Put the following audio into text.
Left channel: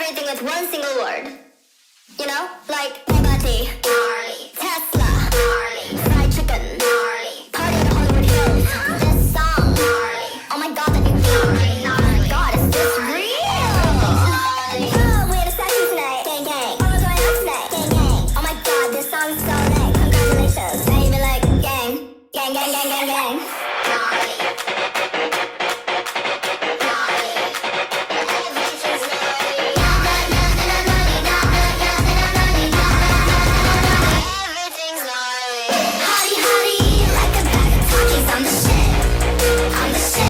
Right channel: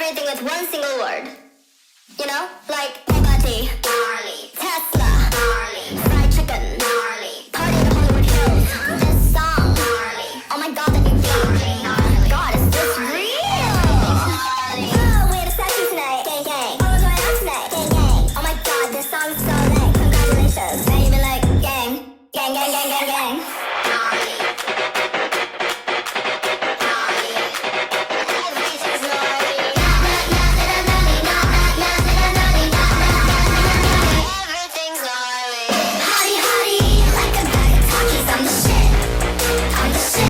everything with one single word. You know, like Bugatti, Tesla, fried chicken, party to Hollywood Hills. This song, oh my God, that new beat. God, is this real? Oh, we had a statue tonight, gang gang. Oh, we're going out tonight, gang gang. Oh my God, this song's so lit. Congratulations. Now you be like, gang, gang, gang, gang, gang, gang.